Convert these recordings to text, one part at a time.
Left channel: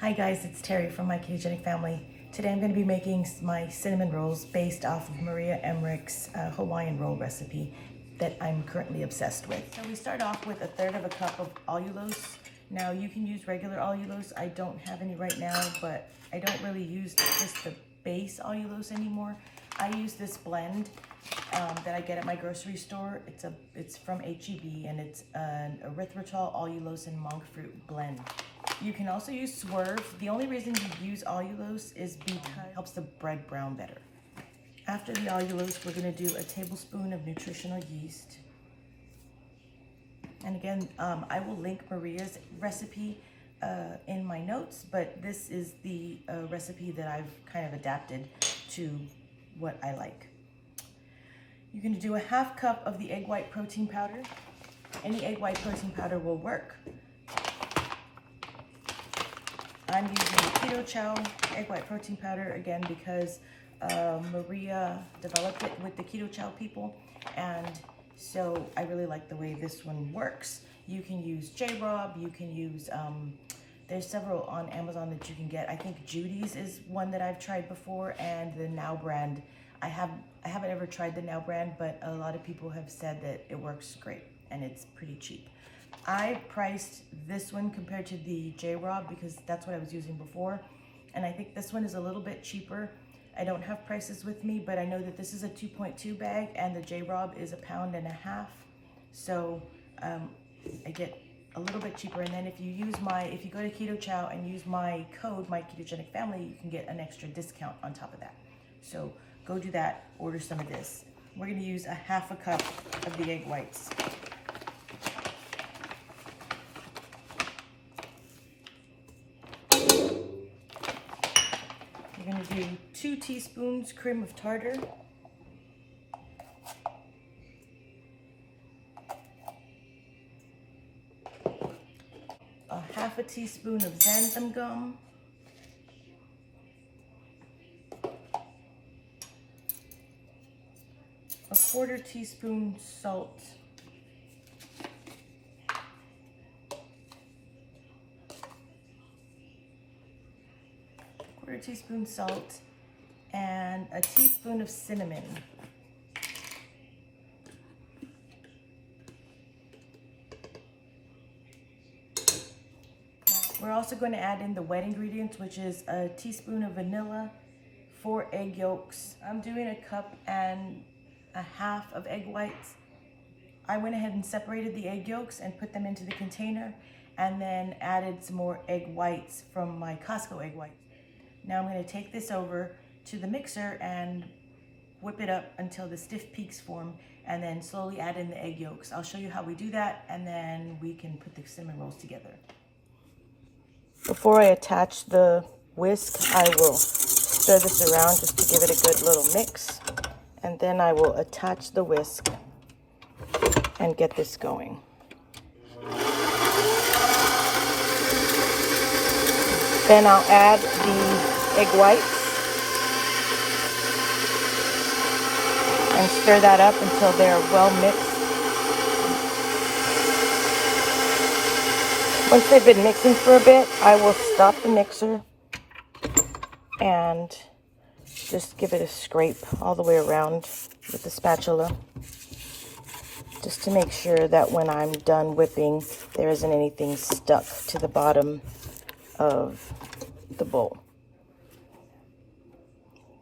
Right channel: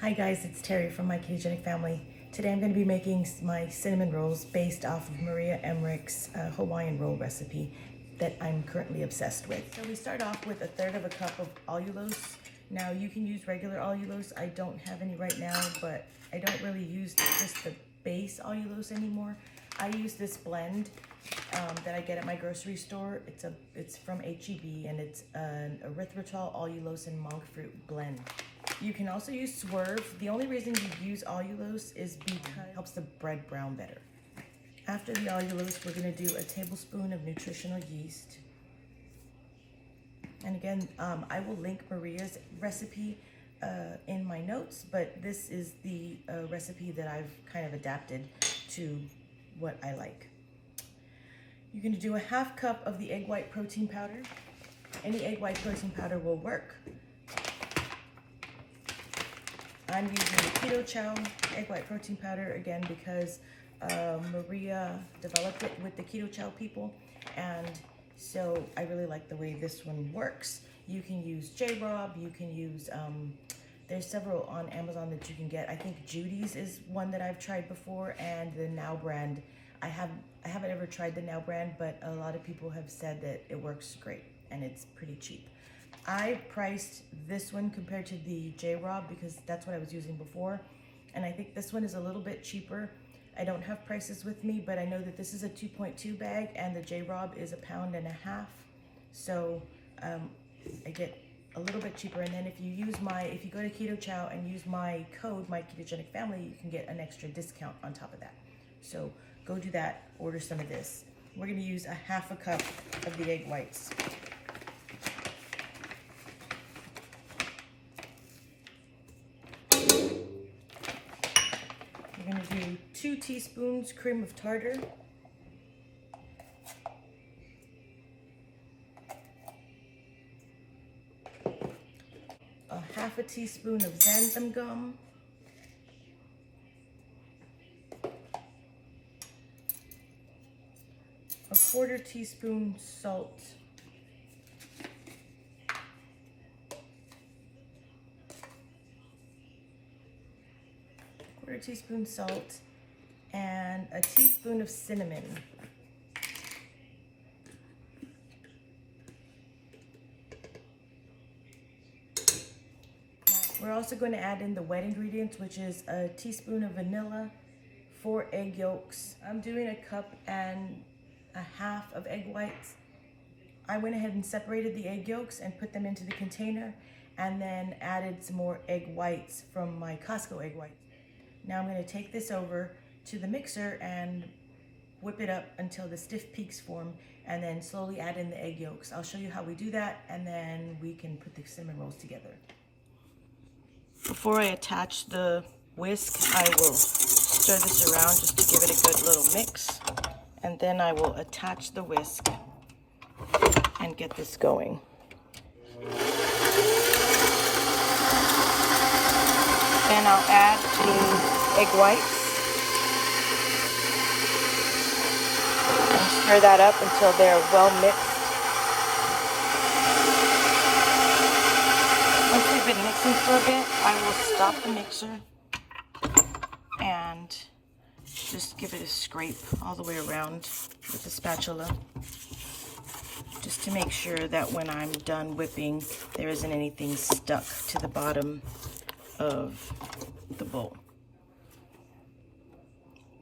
Hi guys, it's Terry from my ketogenic family. Today I'm going to be making my cinnamon rolls based off of Maria Emmerich's Hawaiian roll recipe that I'm currently obsessed with. So we start off with 1/3 cup of allulose. Now you can use regular allulose. I don't have any right now, but I don't really use just the base allulose anymore. I use this blend that I get at my grocery store. It's from HEB and it's an erythritol, allulose, and monk fruit blend. You can also use Swerve. The only reason you use allulose is because it helps the bread brown better. After the allulose, we're going to do a tablespoon of nutritional yeast. And again, I will link Maria's recipe in my notes, but this is the recipe that I've kind of adapted to what I like. You're going to do a 1/2 cup of the egg white protein powder. Any egg white protein powder will work. I'm using the Keto Chow egg white protein powder again because Maria developed it with the Keto Chow people, and so I really like the way this one works. You can use J-Rob, you can use, there's several on Amazon that you can get. I think Judy's is one that I've tried before, and the Now brand. I haven't ever tried the Now brand, but a lot of people have said that it works great and it's pretty cheap. I priced this one compared to the J-Rob because that's what I was using before, and I think this one is a little bit cheaper. I don't have prices with me, but I know that this is a 2.2 bag and the J-Rob is 1.5 pounds. So I get a little bit cheaper. And then if you go to Keto Chow and use my code, my ketogenic family, you can get an extra discount on top of that. So go do that, order some of this. We're gonna use 1/2 cup of the egg whites. We're going to do 2 teaspoons cream of tartar, a 1/2 teaspoon of xantham gum, a 1/4 teaspoon salt, teaspoon salt, and a teaspoon of cinnamon. We're also going to add in the wet ingredients, which is a teaspoon of vanilla, 4 egg yolks. I'm doing 1.5 cups of egg whites. I went ahead and separated the egg yolks and put them into the container, and then added some more egg whites from my Costco egg whites. Now I'm going to take this over to the mixer and whip it up until the stiff peaks form, and then slowly add in the egg yolks. I'll show you how we do that, and then we can put the cinnamon rolls together. Before I attach the whisk, I will stir this around just to give it a good little mix, and then I will attach the whisk and get this going. Then I'll add the egg whites and stir that up until they're well mixed. Once they've been mixing for a bit, I will stop the mixer and just give it a scrape all the way around with the spatula, just to make sure that when I'm done whipping, there isn't anything stuck to the bottom of the bowl.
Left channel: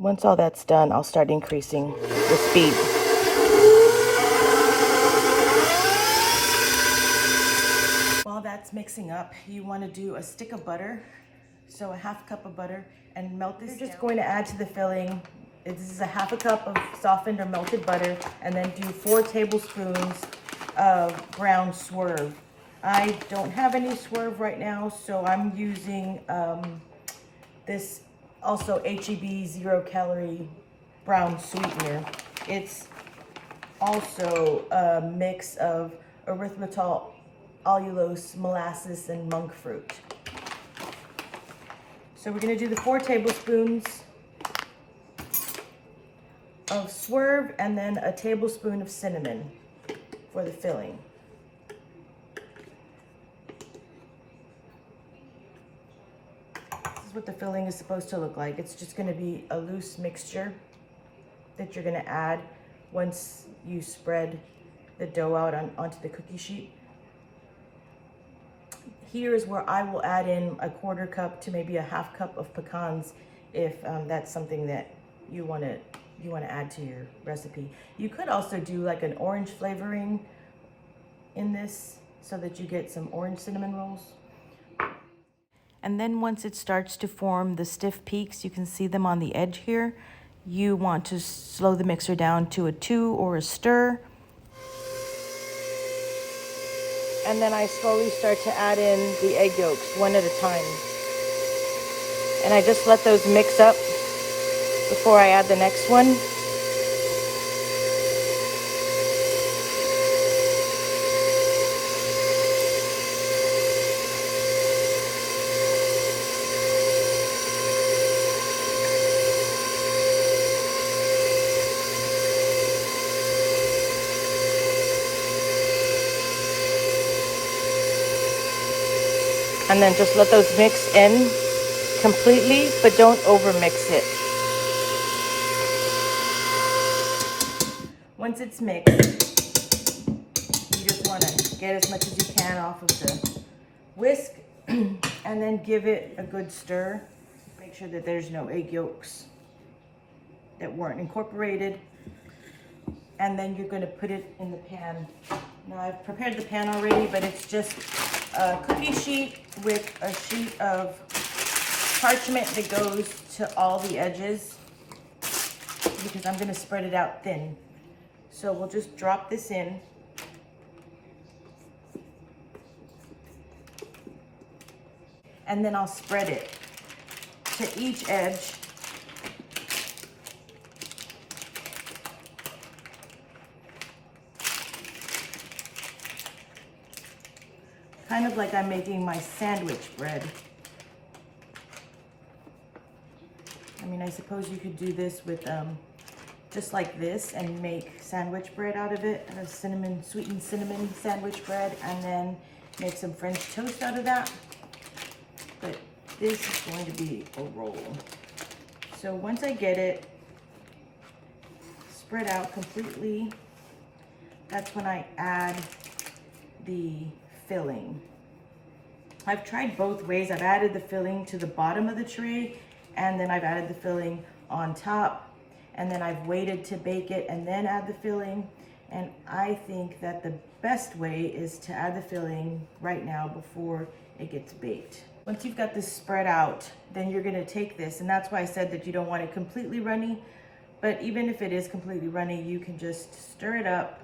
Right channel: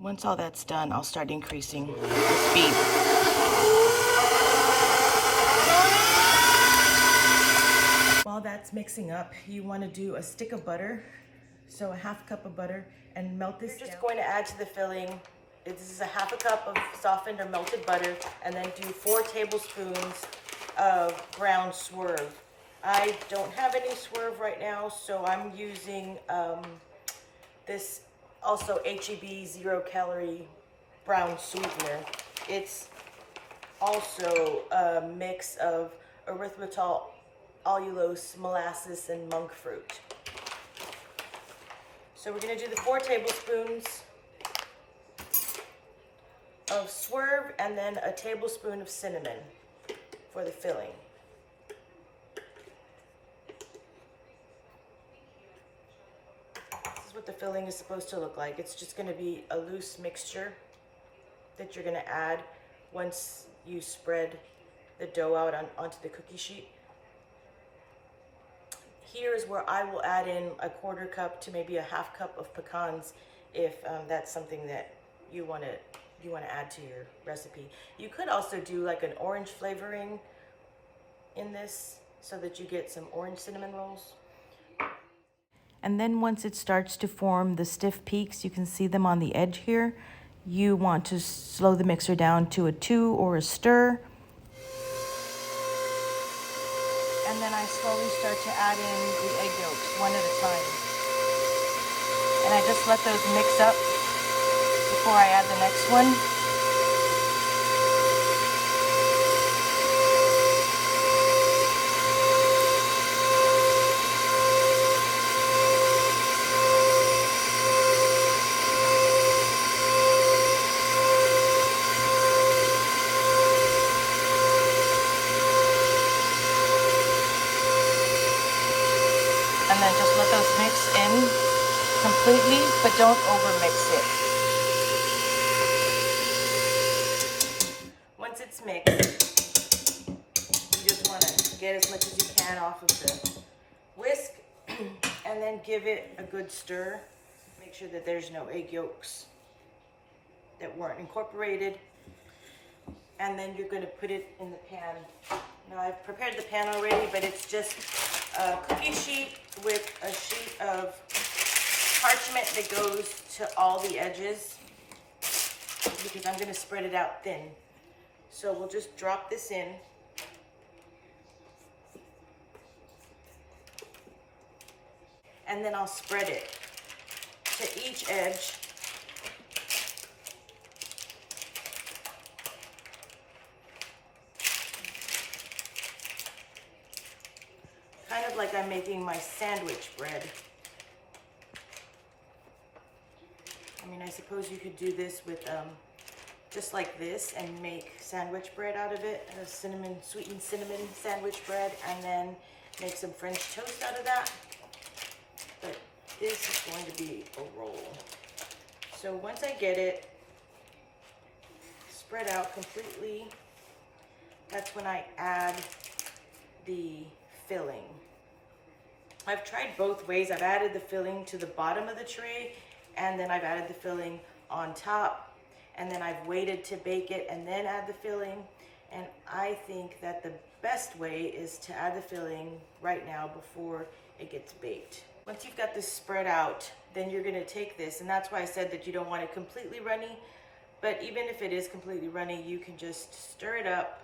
Once all that's done, I'll start increasing the speed. While that's mixing up, you want to do a stick of butter, so 1/2 cup of butter, and melt this. You're just going to add to the filling. This is 1/2 cup of softened or melted butter, and then do 4 tablespoons of brown Swerve. I don't have any Swerve right now, so I'm using this also HEB 0-calorie brown sweetener. It's also a mix of erythritol, allulose, molasses, and monk fruit. So we're going to do the 4 tablespoons of Swerve and then a tablespoon of cinnamon for the filling. is what the filling is supposed to look like. It's just gonna be a loose mixture that you're gonna add once you spread the dough out onto the cookie sheet. Here is where I will add in a 1/4 cup to maybe a 1/2 cup of pecans if that's something that you want to add to your recipe. You could also do like an orange flavoring in this so that you get some orange cinnamon rolls. And then once it starts to form the stiff peaks, you can see them on the edge here. You want to slow the mixer down to a 2 or a stir. And then I slowly start to add in the egg yolks one at a time. And I just let those mix up before I add the next one. And then just let those mix in completely, but don't over mix it. Once it's mixed, you just want to get as much as you can off of the whisk and then give it a good stir. Make sure that there's no egg yolks that weren't incorporated. And then you're going to put it in the pan. Now I've prepared the pan already, but it's just a cookie sheet with a sheet of parchment that goes to all the edges because I'm going to spread it out thin. So we'll just drop this in. And then I'll spread it to each edge. Kind of like I'm making my sandwich bread. I mean, I suppose you could do this with just like this and make sandwich bread out of it, a sweetened cinnamon sandwich bread, and then make some French toast out of that. But this is going to be a roll. So once I get it spread out completely, that's when I add the filling. I've tried both ways. I've added the filling to the bottom of the tray, and then I've added the filling on top, and then I've waited to bake it and then add the filling. And I think that the best way is to add the filling right now before it gets baked. Once you've got this spread out, then you're gonna take this, and that's why I said that you don't want it completely runny, but even if it is completely runny, you can just stir it up.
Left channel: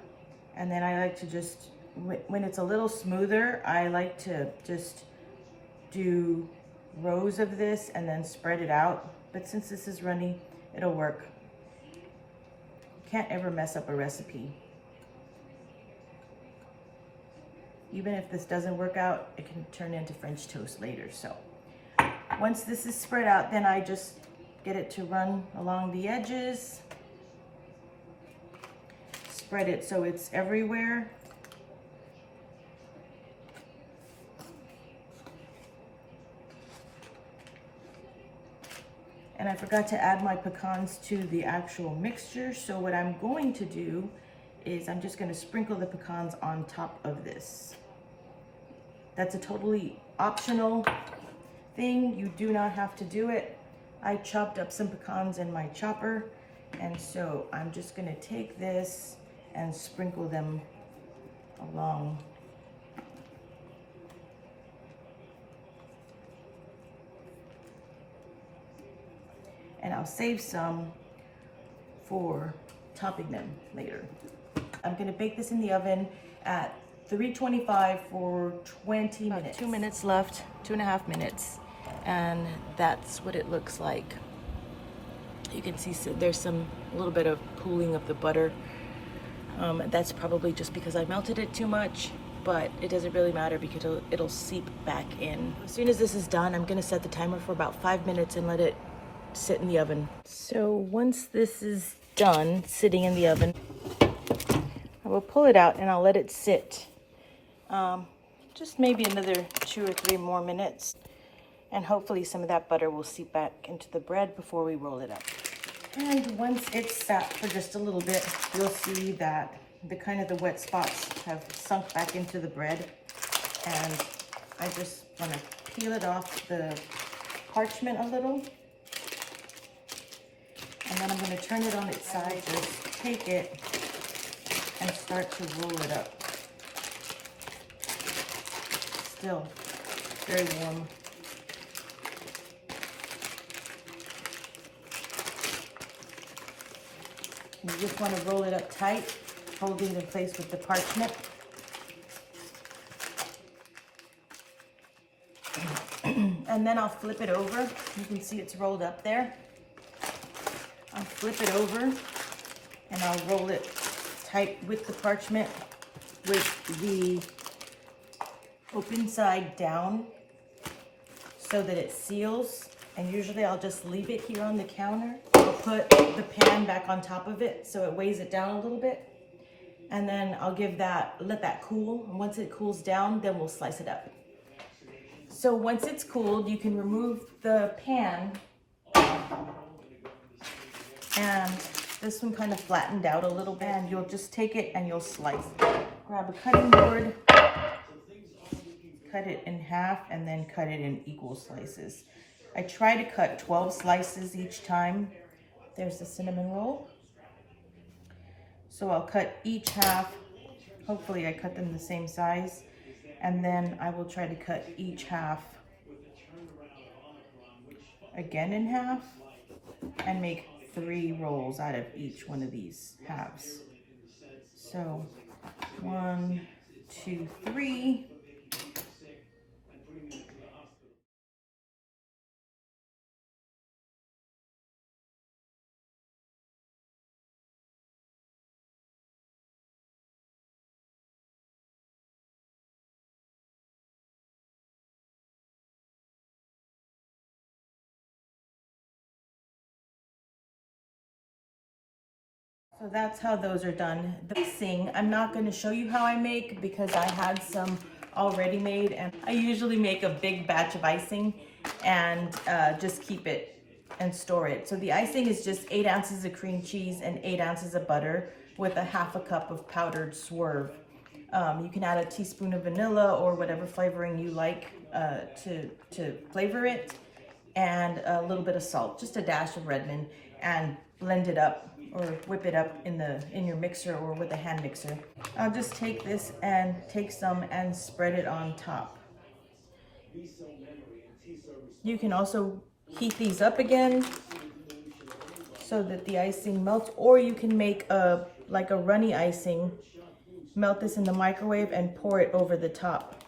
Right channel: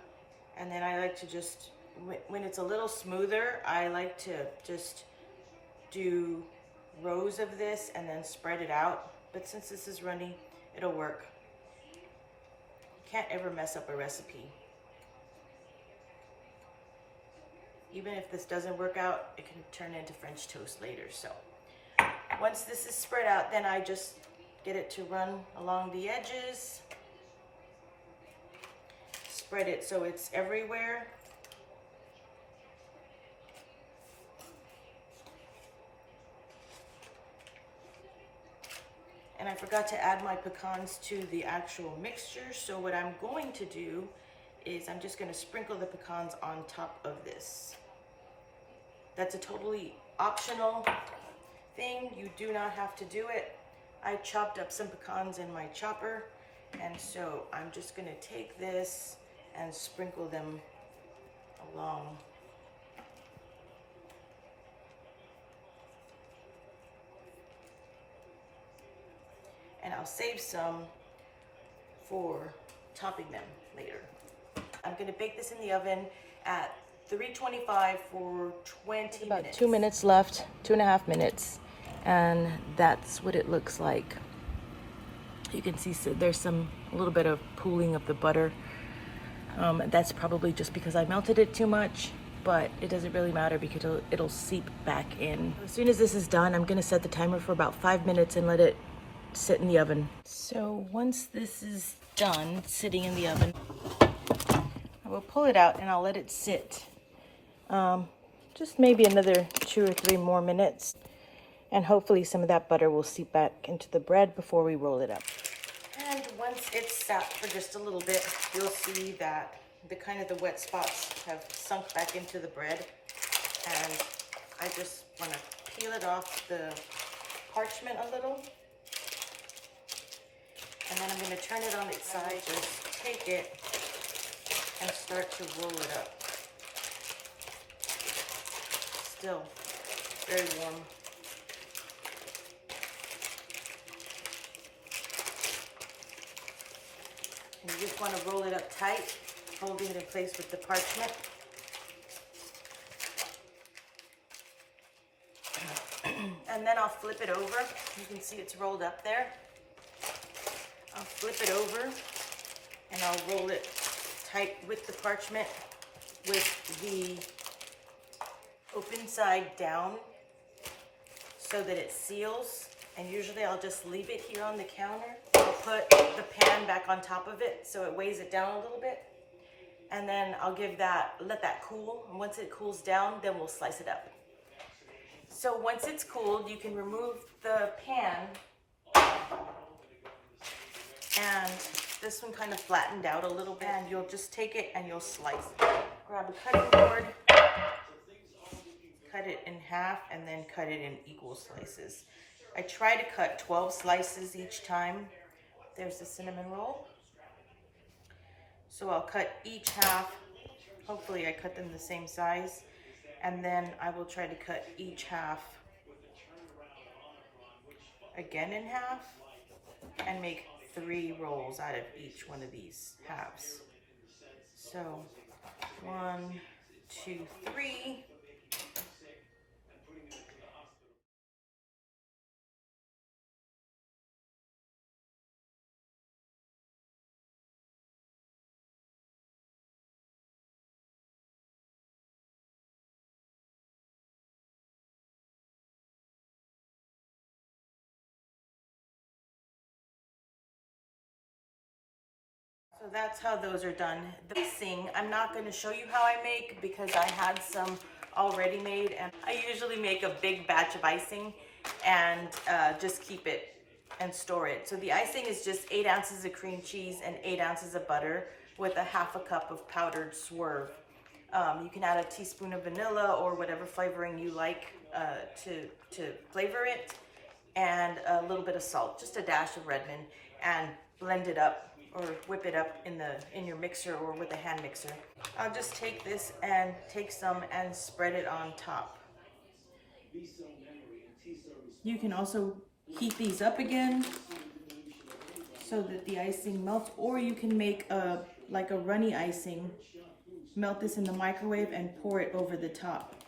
And then I like to just, when it's a little smoother, I like to just do rows of this and then spread it out. But since this is runny, it'll work. You can't ever mess up a recipe. Even if this doesn't work out, it can turn into French toast later. So once this is spread out, then I just get it to run along the edges. Spread it so it's everywhere. And I forgot to add my pecans to the actual mixture. So what I'm going to do is I'm just going to sprinkle the pecans on top of this. That's a totally optional thing. You do not have to do it. I chopped up some pecans in my chopper, and so I'm just going to take this and sprinkle them along. And I'll save some for topping them later. I'm gonna bake this in the oven at 325 for 20 minutes. About 2 minutes left, 2.5 minutes. And that's what it looks like. You can see so there's a little bit of pooling of the butter. That's probably just because I melted it too much, but it doesn't really matter because it'll seep back in. As soon as this is done, I'm gonna set the timer for about 5 minutes and let it sit in the oven. So once this is done sitting in the oven, I will pull it out and I'll let it sit just maybe another 2 or 3 more minutes. And hopefully some of that butter will seep back into the bread before we roll it up. And once it's sat for just a little bit, you'll see that the kind of the wet spots have sunk back into the bread. And I just want to peel it off the parchment a little. And then I'm going to turn it on its side, just take it and start to roll it up. Still very warm. You just want to roll it up tight, holding it in place with the parchment. And then I'll flip it over. You can see it's rolled up there. I'll flip it over and I'll roll it tight with the parchment with the open side down so that it seals. And usually I'll just leave it here on the counter. I'll put the pan back on top of it so it weighs it down a little bit. And then I'll let that cool. And once it cools down, then we'll slice it up. So once it's cooled, you can remove the pan. And this one kind of flattened out a little bit. And you'll just take it and you'll slice it. Grab a cutting board, cut it in half, and then cut it in equal slices. I try to cut 12 slices each time. There's the cinnamon roll. So I'll cut each half. Hopefully I cut them the same size. And then I will try to cut each half again in half and make 3 rolls out of each one of these halves. So 1, 2, 3. So that's how those are done. The icing, I'm not going to show you how I make because I had some already made, and I usually make a big batch of icing and just keep it and store it. So the icing is just 8 ounces of cream cheese and 8 ounces of butter with a ½ cup of powdered swerve. You can add a teaspoon of vanilla or whatever flavoring you like to flavor it, and a little bit of salt, just a dash of Redmond, and blend it up or whip it up in your mixer or with a hand mixer. I'll just take this and take some and spread it on top. You can also heat these up again so that the icing melts, or you can make like a runny icing, melt this in the microwave and pour it over the top.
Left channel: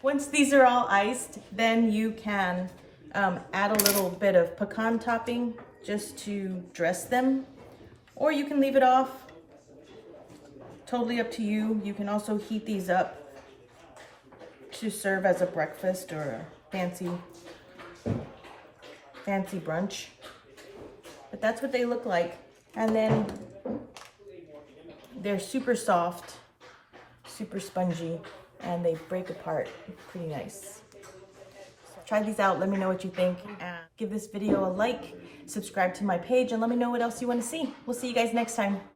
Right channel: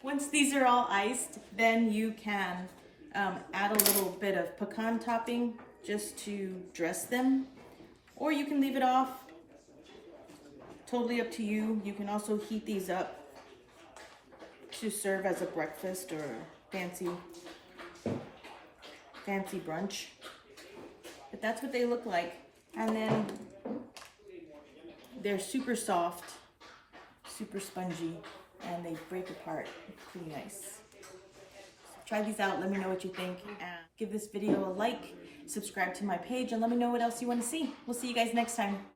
Once these are all iced, then you can add a little bit of pecan topping just to dress them, or you can leave it off. Totally up to you. You can also heat these up to serve as a breakfast or a fancy brunch. But that's what they look like. And then they're super soft, super spongy, and they break apart pretty nice. So try these out. Let me know what you think. Give this video a like, subscribe to my page, and let me know what else you want to see. We'll see you guys next time.